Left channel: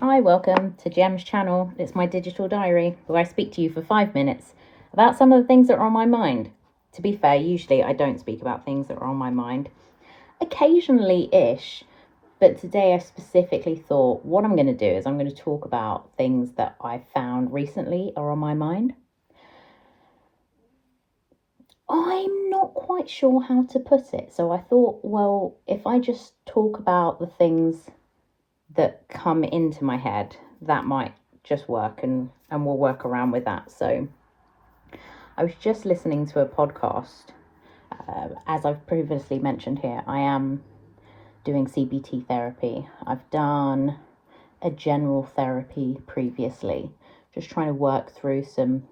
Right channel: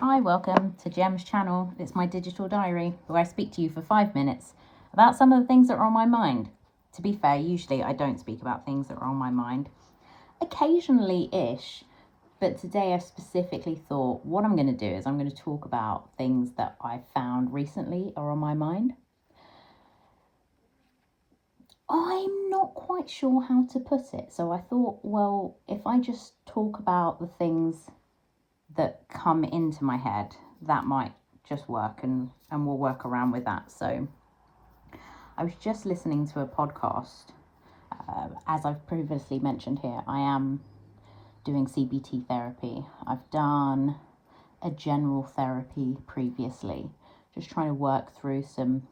Hi, welcome to Gem's channel. It's my digital diary where I speak to you for 5 minutes about some of the things that are on my mind. To be fair, usually I don't speak about things that are on my mind. Occasionally-ish, but today I specifically thought what I'm going to do is I'm going to talk about things that I found recently are on my mind. I'm not quite sure how to put it, so I thought, well, if I just talk about the things that come into my head, that might just work, and we'll work around with that. So I was just listening to a podcast. As I've previously mentioned here, I am doing CBT therapy. I've done a general therapy previously, just trying to work through some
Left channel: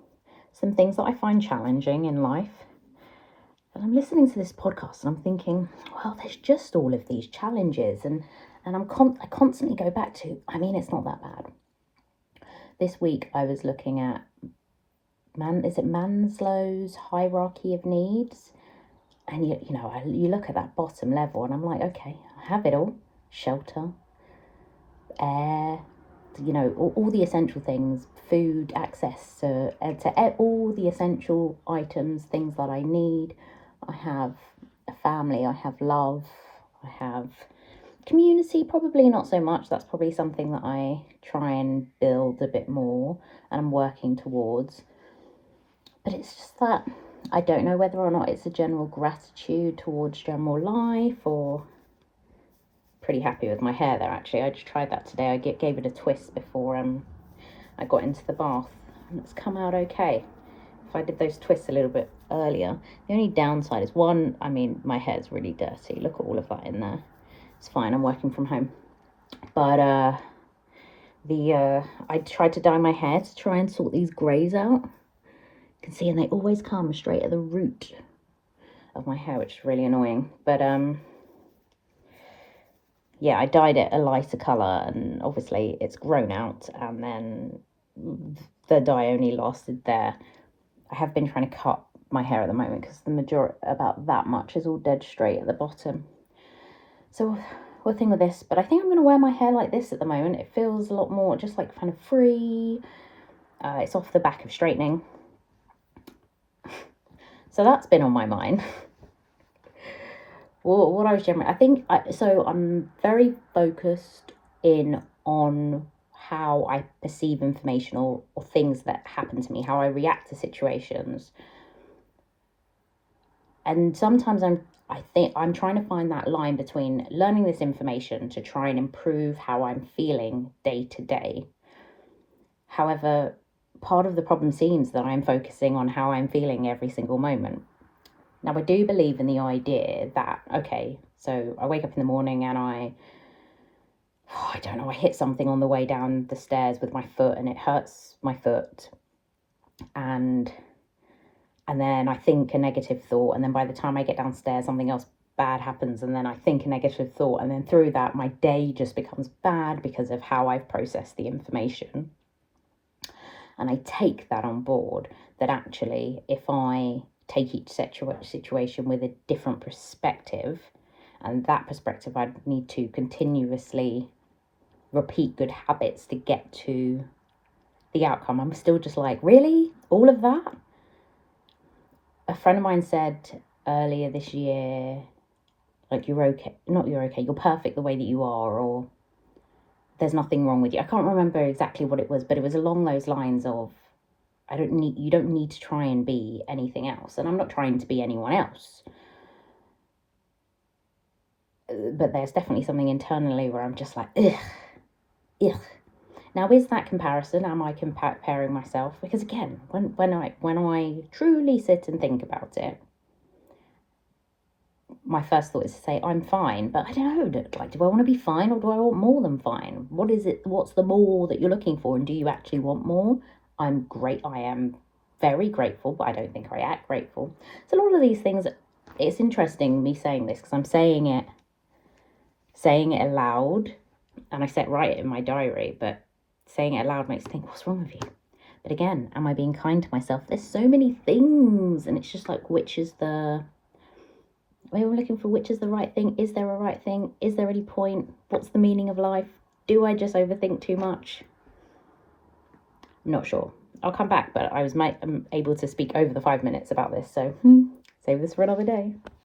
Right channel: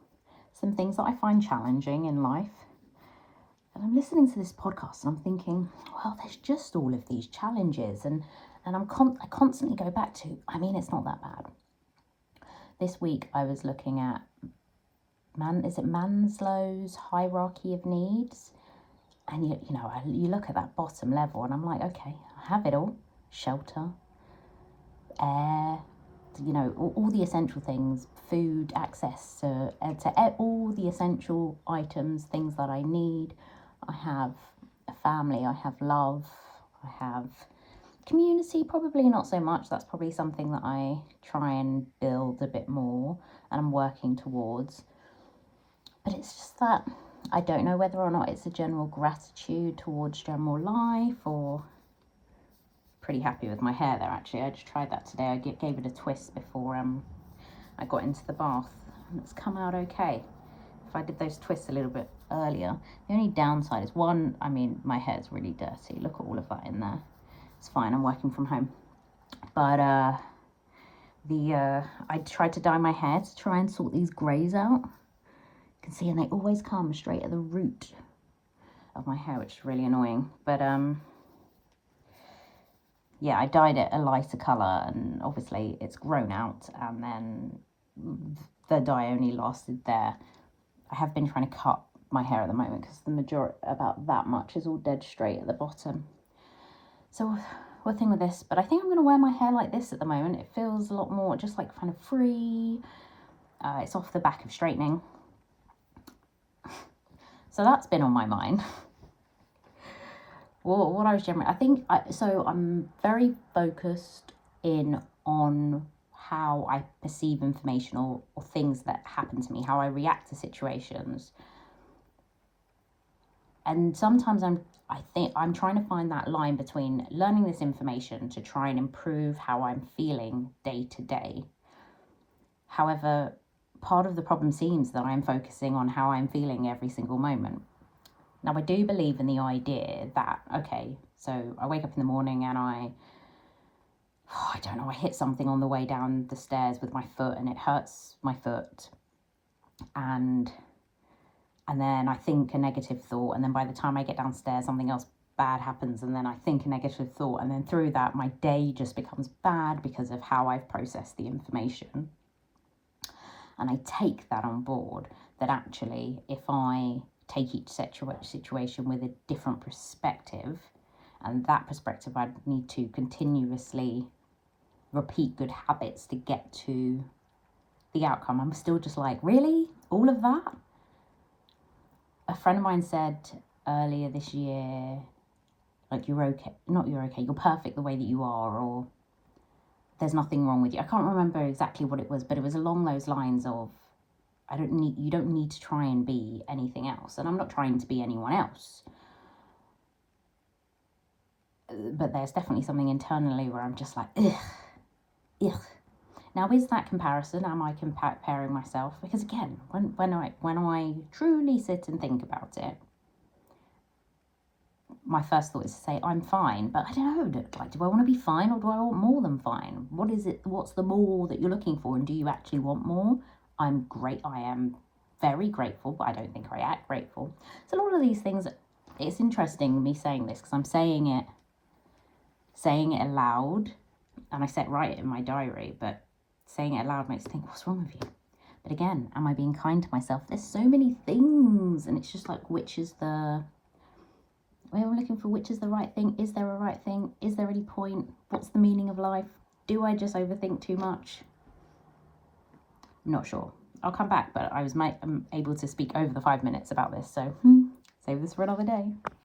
things that I find challenging in life. And I'm listening to this podcast and I'm thinking, well, there's just all of these challenges, and I constantly go back to, I mean, it's not that bad. This week I was looking at Maslow's hierarchy of needs, and you look at that bottom level and I'm like, okay, I have it all: shelter, air, all the essential things, food, access to all the essential items, things that I need. I have a family, I have love, I have community, probably not so much. That's probably something that I try and build a bit more and I'm working towards. But it's just that I don't know whether or not it's a general gratitude towards general life, or pretty happy with my hair there actually. I just tried that today. I gave it a twist before I got into the bath, and it's come out okay. If I did those twists a little bit earlier, the only downside is one, I mean, my hair's really dirty. Look at all of that in there. It's fine, I'm working from home. But I tried to dye my hair to try and sort these greys out. You can see, and they always come straight at the root of my hair, which is really annoying. But yeah, I dyed it a lighter colour, and obviously it's grown out, and then the dye only lasted there. I have been trying to cut my hair at the moment because the majority, about that much, is all dead straight at the bottom. So we're thing with this, but I think I'm going to wear my hair like this at the moment. It feels a lot more just like kind of free. It's off the back of straightening. So that's been on my mind. Well, what I was generally, I'm very focused in on how I perceive information or things that happen to me, how I react to situations. And sometimes I'm trying to find that line between learning this information to try and improve how I'm feeling day to day. However, part of the problem seems that I'm focusing on how I'm feeling every single moment. Now, I do believe in the idea that, okay, so I wake up in the morning and I hit something on the way down the stairs with my foot and it hurts my foot. And then I think a negative thought, and then by the time I get downstairs, something else bad happens, and then I think a negative thought, and then through that, my day just becomes bad because of how I've processed the information. And I take that on board, that actually, if I take each situation with a different perspective, and that perspective I'd need to continuously repeat good habits to get to the outcome. I'm still just like, really? All of that? A friend of mine said earlier this year, like, you're okay, you're perfect the way that you are, or there's nothing wrong with you. I can't remember exactly what it was, but it was along those lines of, you don't need to try and be anything else. And I'm not trying to be anyone else. But there's definitely something internally where I'm just like, ugh. Now, is that comparison? Am I comparing myself? Because again, when I truly sit and think about it, my first thought is to say I'm fine, but I don't know. Like, do I want to be fine, or do I want more than fine? What is it? What's the more that you're looking for, and do you actually want more? I'm great. I am very grateful, but I don't think I act grateful. So a lot of these things. It's interesting me saying this because I'm saying it aloud, and I set right in my diary, but saying it aloud makes me think, what's wrong with you? But again, am I being kind to myself? There's so many things, and it's just like, which is the... We're looking for which is the right thing. Is there a right thing? Is there any point? What's the meaning of life? Do I just overthink too much? Not sure. I'll come back, but I was able to speak over the 5 minutes about this, so save this for another day.